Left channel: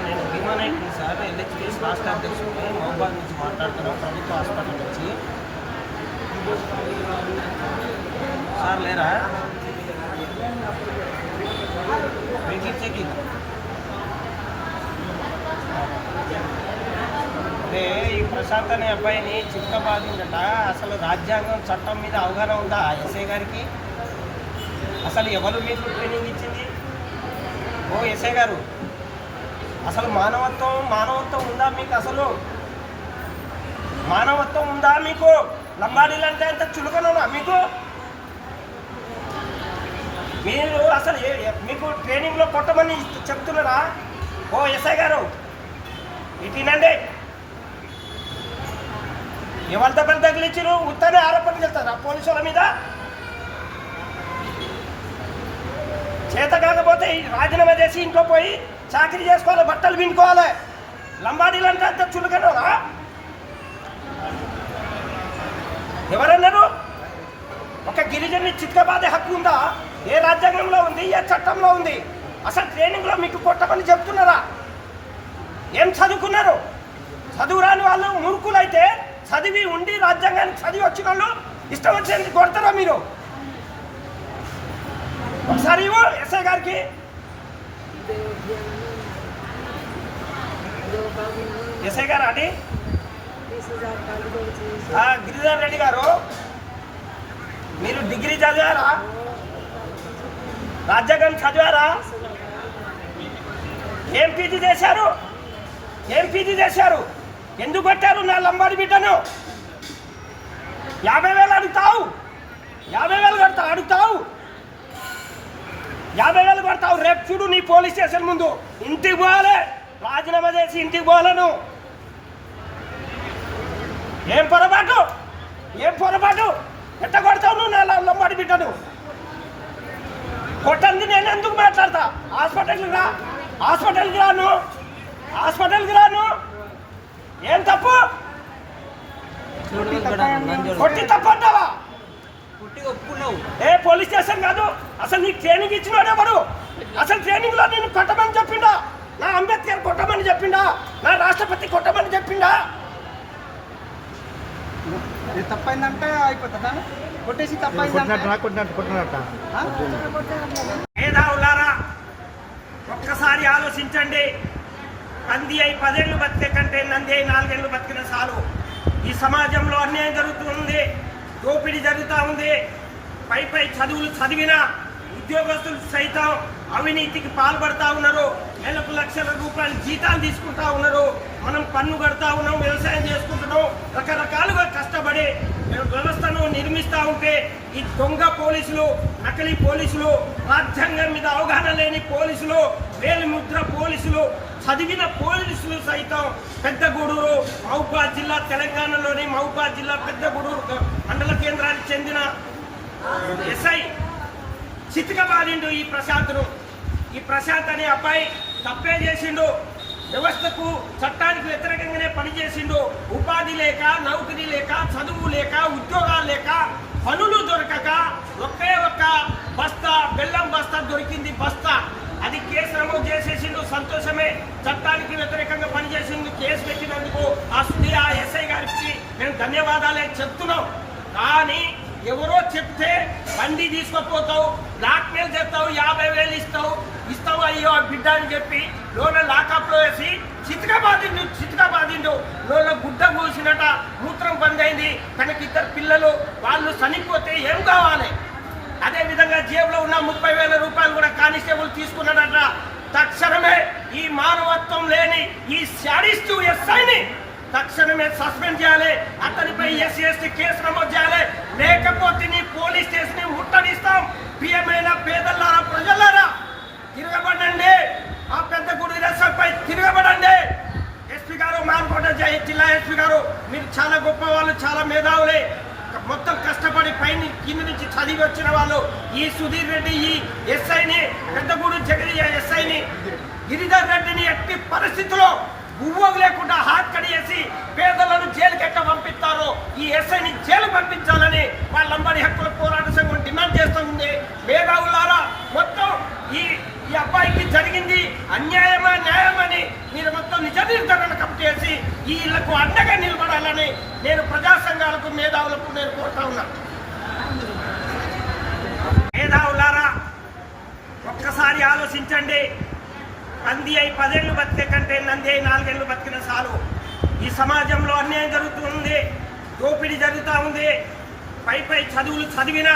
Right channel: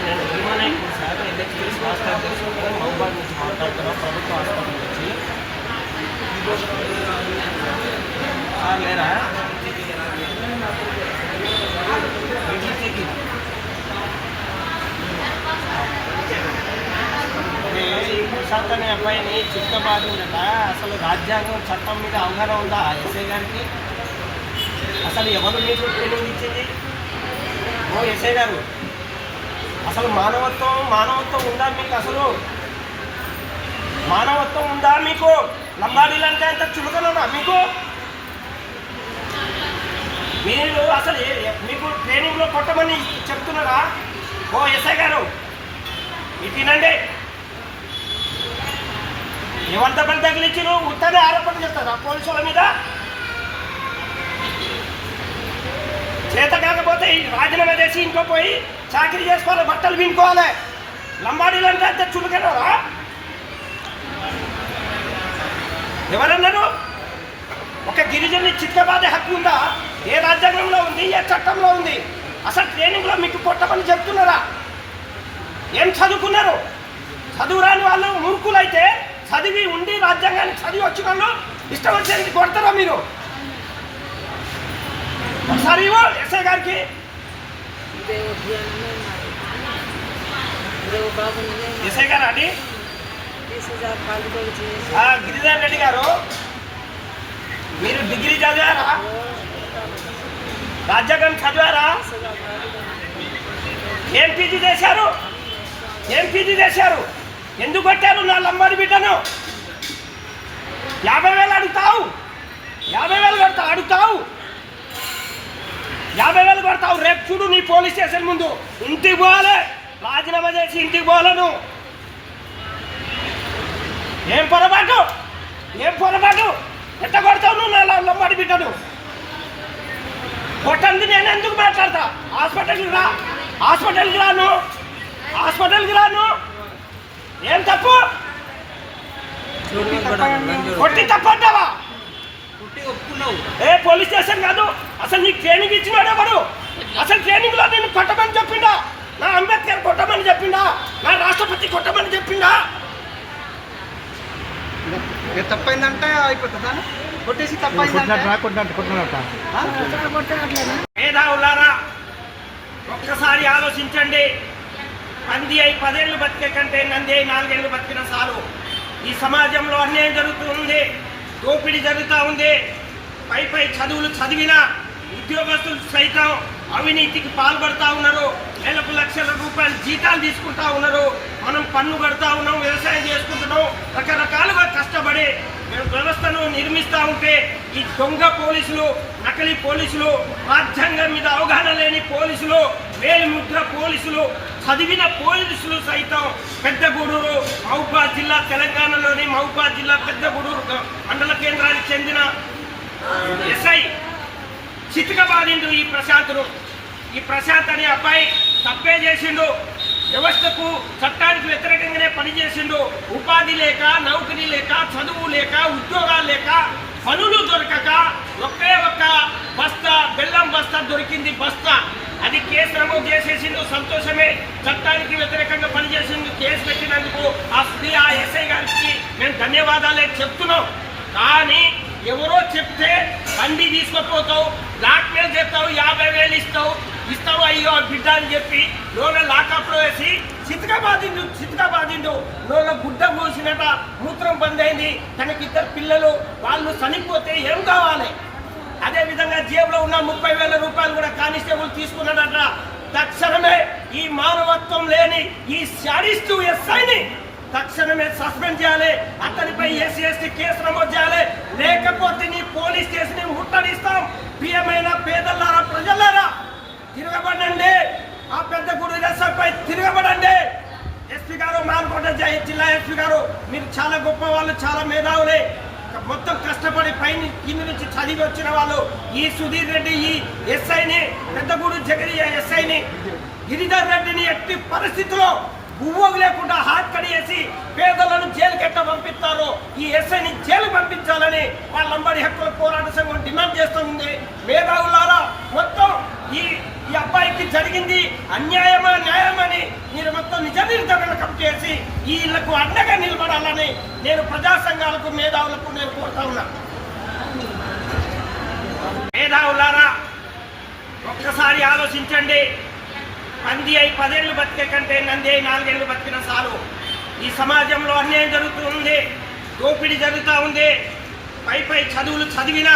నేను Bhima Naik sir electricals రాష్ట్ర అధ్యక్షుడు మహబాద్ నుంచి మాట్లాడుతున్నాం ప్రభుత్వ హాస్పిటల్ నుంచి సార్ లేరా? మీటింగ్కి ఈ ప్రశాంత్ అనే అబ్బాయిని చిక్కబాదిందట అసలు రాజ్యాంగం చట్టం మీద అవగాహన ఉందా ఎస్ఐ గారికి? అసలు ఎవరు మీకు ట్రైనింగ్ ఇచ్చింది ఓ ఎస్ఐ గారు. అసలు మానవత్వం మానవత్వం ఉందా మీకు అసలు? మానవత్వం ఉందా మీకు? లంబాడీలు అంటే అంత చులకనా మీకు? మీరు అసలు మీకు ట్రైనింగ్లో కొట్టమని చెప్తున్నారా? ఓ ఎస్ఐ గారు ఇది తినండి. ఎవరి దెబ్బలు తగిలించారు ఉత్తరే ఆరోపణ చేస్తారా పోలీసుల మీద? చేత కాకపోతే రాజీనామా చేసి ఇంట్లో పోయి చాకరీ చేసుకోవాలి బట్టలు వినుకోవాలి. లంబాడీలు అంటే అంత చులకనరా? ఎవరన్నారు? ఒక గిరిజని చిత్తబాదే హక్కు ఉందా? ఏ రాజ్యాంగంలో ఉంది ఏ చట్టంలో ఉంది? అసలు ట్రైనింగ్లో మీకు కొట్టమని చెప్తున్నారా? ఏం చదువుకున్నారు? చదువు రాని వాళ్ళు మూర్ఖులైతే చదివి ఉండి రాజ్యాంగానికి చదివి వచ్చిన వాళ్ళు ఇష్టం వచ్చేది కొడతారా మీరు? ఒకసారి ఎస్ఐ గారికి. ఎస్ఐ గారు అండి? గిరిధర్ రెడ్డి గారు మీరు డిగ్రీ చదివారా? రాజ్యాంగం చదివారా? ఏం పీజీ చేశారు? ఏం పీజీ చేశారు? ఎందుకు కొట్టారు నా లంబాడి బిడ్డను? యాభై వేలు అడుగుతావు? యాభై వేలు కడతావు అడుగుతావు? యాభై వేలు కొడతావు రేపు చూడు నీ పోలీస్ స్టేషన్ ముందు. ఇంటికి పోవాలి. రాజీనామా చేసి ఇంటికి పోలను ఏం పొరపాటు? ఏం పొరపాటు? ఎంత కొడతావు నువ్వు నా లంబాడి బిడ్డను? కొట్టంది నేను ఎందుకు మాట్లాడతా? హాస్పిటల్కి రా. హాస్పిటల్కి రాను. హాస్పిటల్కి రాను. ఏం తప్పు? కొట్టి తప్పు అంటావా ఏ పోలీస్ స్టేషన్ కాదు. అసలు నీకు ట్రైనింగ్ ఇచ్చినాడు ఎవడు? అసలు ట్రైనింగ్లో నేను కొట్టమని చెప్పిండా? నా అంబేద్కర్ కొట్టమని చెప్పిండా? నా రాష్ట్రపతి కొట్టమని చెప్పిండా? ఇది తప్పైందంటే అయిపోతుందా కొట్టేసి తప్పైందంటే? కొట్టినట్టు కొట్టినట్టు ఆ? మేధావులారా ఒక్కసారి ఆలోచించండి. పంది అయి పదేళ్ళు బతికే కంటే నంది అయి నాలుగేళ్ళు బతికిన చాలు ఈ సమాజంలో అన్యాయం జరుగుతుంది దోపిడీ జరుగుతూ ఉంది. పై పై చదువులు చదివిన ఉద్యోగస్తులు సైతం అవినీతికి పాల్పడతా ఉన్నారు నెలకు లక్షల రూపాయలు జీతాలు తీసుకుంటా ఉన్నారు మనం పన్ను కడతా ఉన్నాం వ్యవసాయం చేసుకుంటున్నాం రకరకాలుగా కష్టపడి మేము వ్యవస్థను నిర్మిస్తూ ఉంటే ఈ దొంగ పోలీసులు నకిలీ పోలీసులు రాజ్యాంగం మీద అవగాహన లేని పోలీసులు వేలిముద్ర పోలీసులు చదివిన పోలీసులు సైతం పెద్దగూడూరు మహబూబాద్ జిల్లా తెలంగాణలోని మహబూబాద్ జిల్లా పెద్దగూడూరు మండల కేంద్రానికి చెందిన ఎస్ఐ చితికబాలిండు ఈ ప్రశాంత్ను ఈ ప్రశాంత్ అనే అబ్బాయి తప్పే చేసిండు. వ్యవస్థకు చట్టానికి వ్యతిరేకంగానే పనిచేసిండు. ఉపాధి లేక నౌకరీ లేక చదువు లేక ఉద్యోగాలు లేక పనులు దొరకక ఒకే ఒక్క బస్తా బెల్లం బస్తా దొరికింది బస్తా. అది కేసు నమోదు చేసేసిండు సంతోషమే. చట్టానికి వ్యతిరేకంగా పనిచేసిండు కేసు పెట్టినందుకు ఆ స్త్రీ ఆ ఎస్ఐ గారికి మేము ధన్యవాదాలే చెప్తున్నాం. కానీ ఎవరో చెప్తే బండి తీసుకుపోతావు బ్లాక్మెయిల్ చేస్తావు యాభై వేలు ఇస్తావు ఇస్తావు అయ్యో బిడ్డ అని చెప్పి లోన లాకప్లో వేసి చితక చితకబాదిండు. లోన గుడ్డ పోసినట మూత్రం బంద్ అయింది. తనకి ఇద్దరు పిల్లలు వాళ్ళు చనిపోతే ఏం కావాలి? అదే విధంగా జేబులో ఉన్న ముప్పై వేల రూపాయలు కూడా కానిస్టేబుల్ తీసుకున్నాడట. తక్షణమే ఈ మానవత్వం లేని ఈ శాడిస్టు ఎస్ఐని తక్షణమే సస్పెండ్ చేయాలి. అతనిపై ఎస్సీ ఎస్టీ కేసు నమోదు చేయాలి. లేకపోతే నీ పోలీస్ స్టేషన్ని ముట్టడిస్తాం. ప్రియమైన పేదలారా ప్రజలారా తిరగబడండి. ఆ పెద్ద గుడి పై తిరగబడండి. ఎస్పీ గారు మానకోట జిల్లా ఎస్పీ గారు మీరు చాలా గొప్ప వాళ్ళు చాలా మేధావులే. మొత్తం కష్టపడి పైన కింద నుంచి చదివి వచ్చిన వాళ్ళు ఈ సుధీర్ రెడ్డి ఈ ఎస్ఐని పెద్దగూడు జగదీయ ఎస్ఐని గిరిధర్ రెడ్డిని ఎట్టి పరిస్థితిలో గువ్వకు లేకుండా హాట్ కడియేసి పేదలను జైలుకి ఎట్లా ఈ ఎస్ఐని జైలు పంపించాలని వాళ్ళంబడి హక్కుల పోరాట సంఘం డిమాండ్ చేస్తుంది. మేధావులారా మొత్తం ఈ ఈ అబ్బాయికి జరిగింది అన్యాయమా న్యాయమని మీరు మొత్తం నిజ నిర్ధారణ చేసి వీళ్ళకు అండగా నిలబడాలని నేను ప్రజా సంఘాలకు మేధావులకు నేను కోరుతా ఉన్నా. మేధావులారా ఒక్కసారి ఆలోచించండి. పంది అయి పదేళ్ళు బతికే కంటే నంది అయి నాలుగేళ్ళు బతికిన చాలు ఈ సమాజంలో అన్యాయం జరుగుతుంది దోపిడీ జరుగుతూ ఉంది. పై పై చదువులు చదివినా